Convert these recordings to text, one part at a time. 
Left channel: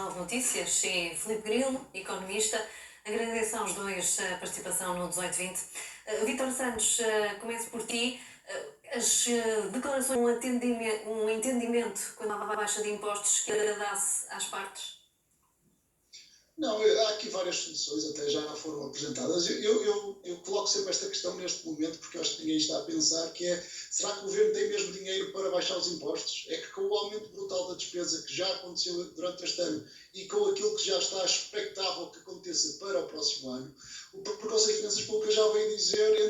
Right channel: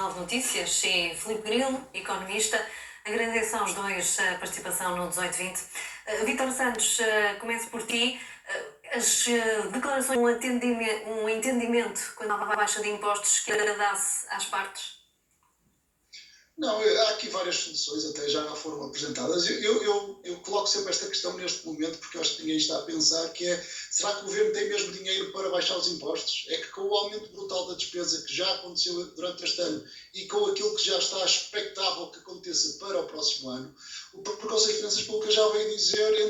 Jornal de Notícias. Sim, Filipe Grilo, economista. Agradeço aos dois a participação no 1820. Vítor Santos, começo por ti. As declarações, um entendimento quando há baixa de impostos que agradasse às partes? Não, há aqui várias soluções, até já foram apresentadas. Eu coloco sempre esta questão neste momento, porque eu acho que ninguém está a pensar que é, será que o governo tem mesmo dinheiro para baixar os impostos? É que com o aumento brutal da despesa que já aconteceu durante este ano e com aquilo que já está expectável que aconteça para o próximo ano, o Conselho de Finanças Públicas já veio dizer,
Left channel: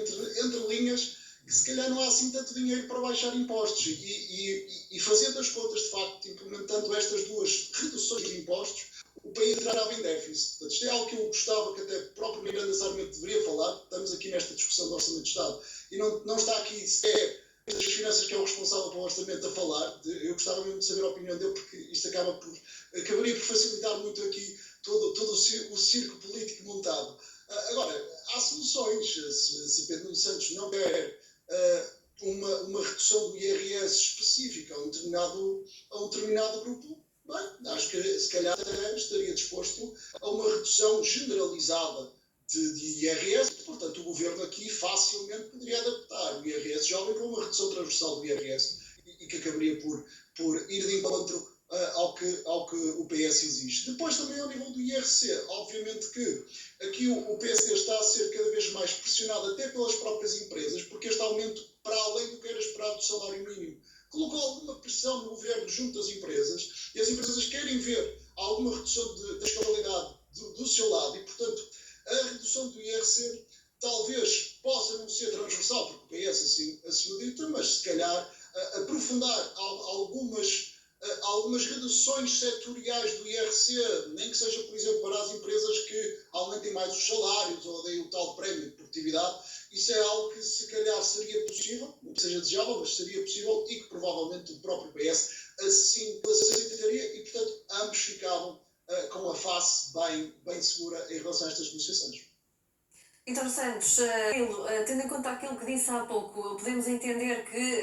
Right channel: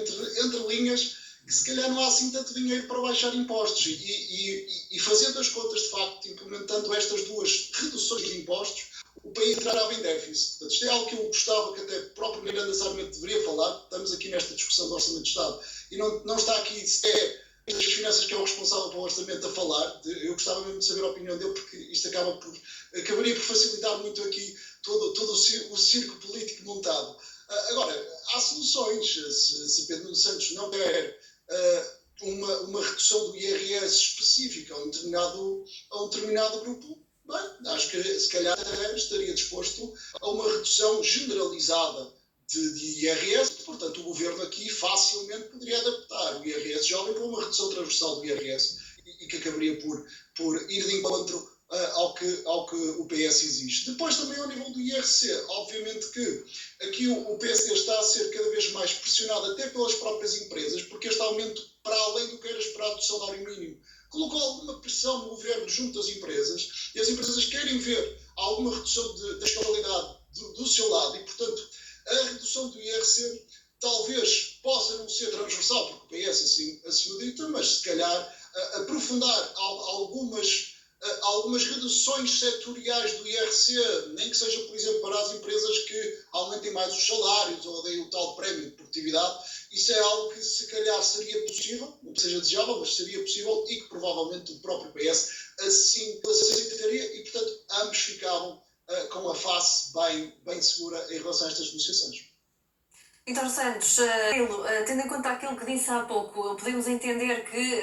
entre linhas, que se calhar não há assim tanto dinheiro para baixar impostos. E fazendo as contas, de facto, implementando estas duas reduções de impostos, o país entrava em déficit. Portanto, isto é algo que eu gostava que até o próprio Miranda Sarmento deveria falar. Estamos aqui nesta discussão do Orçamento de Estado e não está aqui sequer as finanças que é o responsável pelo Orçamento a falar. Eu gostava mesmo de saber a opinião dele, porque isto acabaria por facilitar muito aqui todo o circo político montado. Agora, há soluções. Se Pedro Nuno Santos não quer uma redução do IRS específica a um determinado grupo, bem, acho que se calhar estaria disposto a uma redução generalizada de IRS. Portanto, o governo aqui facilmente poderia adaptar o IRS jovem para uma redução transversal do IRS e que acabaria por ir de encontro ao que o PS exige. Depois também ao nível do IRC, obviamente que aqui o PSD está a ser cada vez mais pressionado até pelas próprias empresas, porque este aumento, para além do que era esperado do salário mínimo, colocou alguma pressão no governo junto às empresas, e as empresas querem ver alguma redução da escalabilidade do seu lado, e portanto a redução do IRC talvez possa não ser transversal, porque o PS assim o dita, mas se calhar aprofundar algumas reduções setoriais do IRC, nem que seja, por exemplo, para as empresas que aumentem mais os salários ou deem o tal prémio de produtividade. Isso é algo que se calhar seria possível, não que seja desejável, mas seria possível e que provavelmente o próprio PS assim aceitaria e, portanto, ambos ficavam com a face bem segura em relação a estas negociações. Vítor Santos, tendo em conta aquilo que disse há pouco, podemos entender que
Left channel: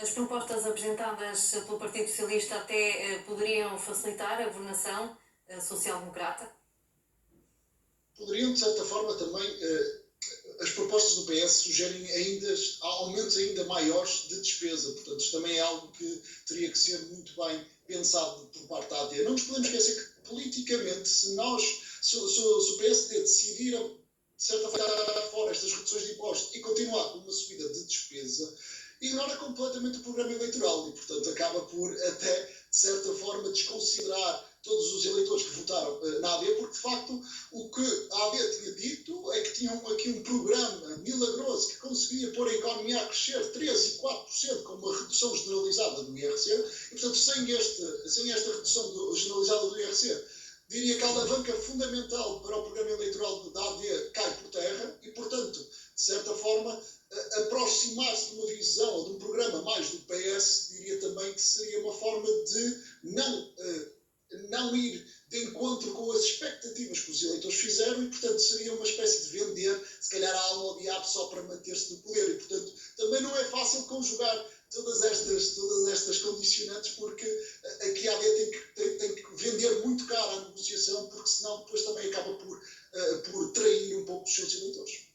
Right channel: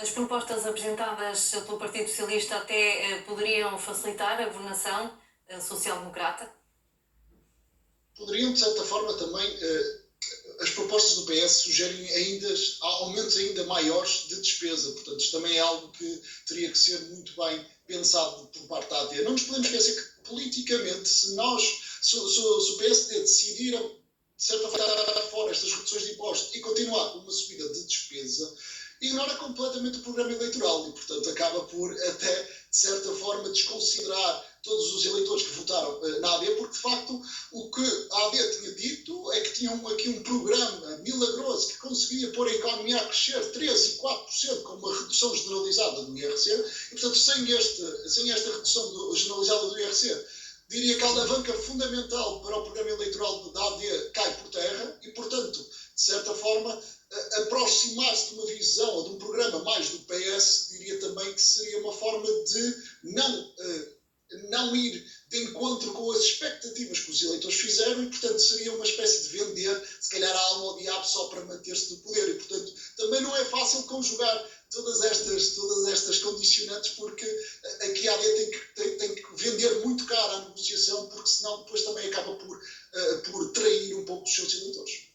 as propostas apresentadas pelo Partido Socialista até poderiam facilitar a governação social-democrata? Poderiam, de certa forma, também. As propostas do PS sugerem aumentos ainda maiores de despesa. Portanto, isto também é algo que teria que ser muito bem pensado por parte da AD. Não nos podemos esquecer que, politicamente, se o PSD decidir, de certa forma, dar fora estas reduções de impostos e continuar com uma subida de despesa, ignora completamente o programa eleitoral e, portanto, acaba por até, de certa forma, desconsiderar todos os eleitores que votaram na AD, porque, de facto, o que a AD tinha dito é que tinham aqui um programa milagroso que conseguia pôr a economia a crescer 3% e 4% com uma redução generalizada do IRC, e, portanto, sem esta redução generalizada do IRC, diria que a alavanca fundamental para o programa eleitoral da AD cai por terra e, portanto, de certa forma, aproximar-se de uma visão ou de um programa mais do PS, diria também que seria uma forma de não ir de encontro com as expectativas que os eleitores fizeram e, portanto, seria uma espécie de vender, se calhar, a alma ao diabo só para manter-se no poder. E, portanto, também não é fácil conjugar todas estas condicionantes, porque aqui a AD tem que vender muito caro a negociação, porque senão depois também acaba por trair um pouco os seus eleitores.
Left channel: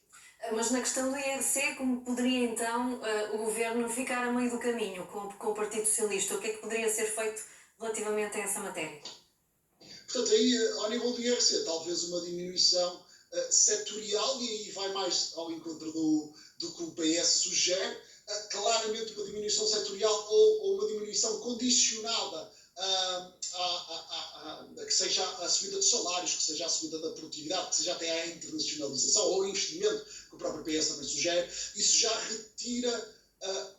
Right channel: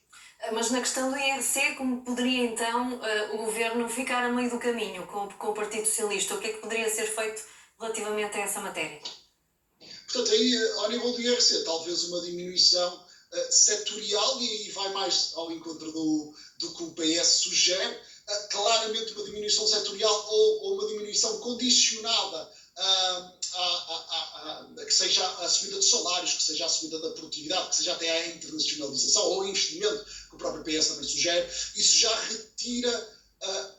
Mas na questão do IRC, como poderia então o governo ficar a meio do caminho com o Partido Socialista? O que é que poderia ser feito relativamente a essa matéria? Portanto, aí, ao nível do IRC, talvez uma diminuição setorial, e aí vai mais ao encontro do que o PS sugere, claramente uma diminuição setorial ou uma diminuição condicionada que seja a subida de salários, que seja a subida da produtividade, que seja até a internacionalização ou o investimento, que o próprio PS também sugere. Isso já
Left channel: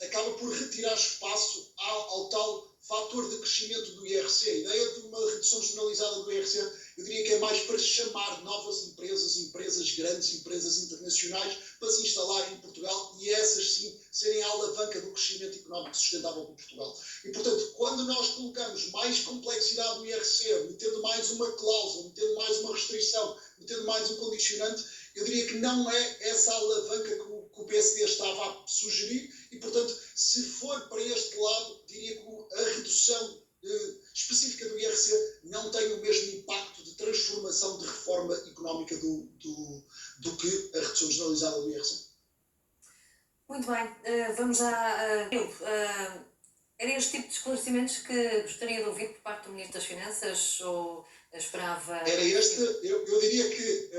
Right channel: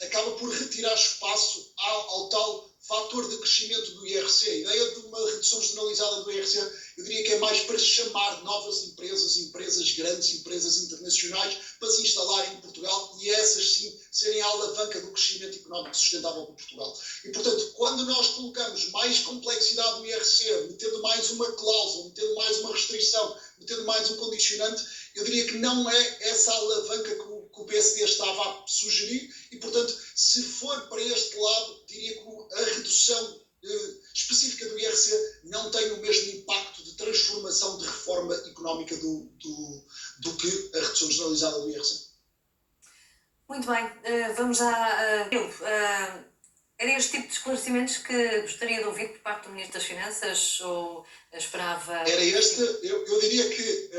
acaba por retirar espaço ao tal fator de crescimento do IRC. A ideia de uma redução generalizada do IRC, eu diria que é mais para chamar novas empresas grandes, empresas internacionais, para se instalarem em Portugal e essas sim serem a alavanca do crescimento económico sustentável para Portugal. E, portanto, quando nós colocamos mais complexidade no IRC, metendo mais uma cláusula, metendo mais uma restrição, metendo mais um condicionante, eu diria que não é essa alavanca que o PSD estava a sugerir e, portanto, se for para este lado, diria que a redução específica do IRC não tem o mesmo económica do que a redução generalizada do IRC. Muito bem, vamos já. Era este tipo de esclarecimentos que gostaria de ouvir por parte do Ministro das Finanças ou esperava? Era este, eu diria que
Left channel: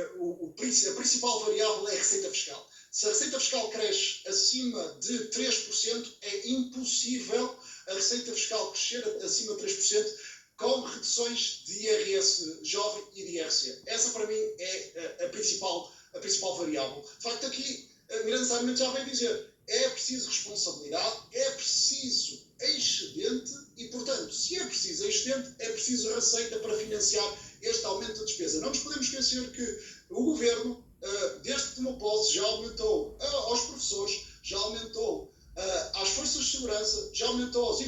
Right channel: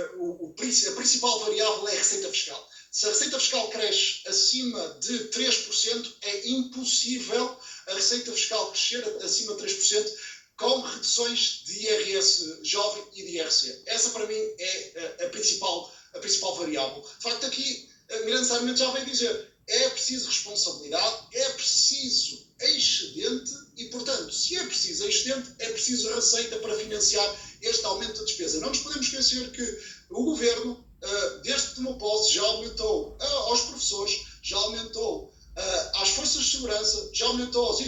a principal variável é a receita fiscal. Se a receita fiscal cresce acima de 3%, é impossível a receita fiscal crescer acima de 3% com reduções de IRS jovem e de IRC. Essa, para mim, é a principal variável. De facto, aqui, Miranda Sarmento já veio dizer, é preciso responsabilidade, é preciso excedente e, portanto, se é preciso excedente, é preciso receita para financiar este aumento da despesa. Não nos podemos esquecer que o Governo, desde que tomou posse, já aumentou aos professores, já aumentou às forças de segurança, já aumentou aos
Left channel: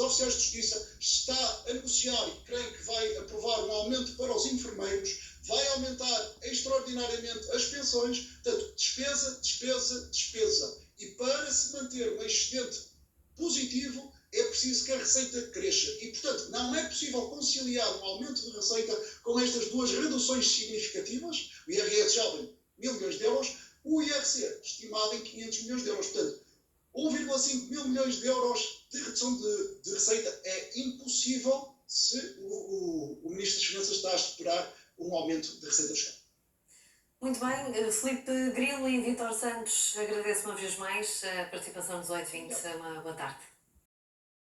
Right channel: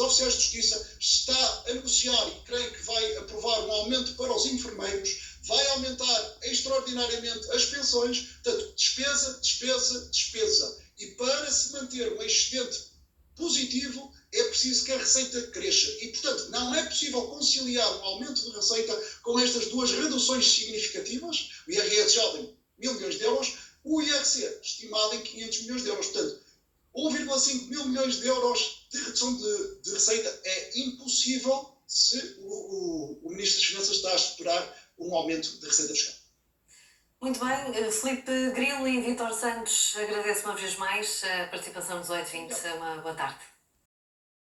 oficiais de justiça, está a negociar e creio que vai aprovar um aumento para os enfermeiros, vai aumentar extraordinariamente as pensões, portanto, despesa, despesa, despesa. E para se manter um excedente positivo, é preciso que a receita cresça. E, portanto, não é possível conciliar um aumento de receita com estas duas reduções significativas, o IRS jovem, 1.000 milhões de euros, o IRC, estimado em 500 milhões de euros. Portanto, 1,5 mil milhões de euros de redução de receita é impossível se o Ministro das Finanças está a esperar um aumento de receita fiscal. Muito bem, Filipe Grilo e Vítor Santos, agradeço uma vez mais a participação nos 8h20. Uma boa tarde.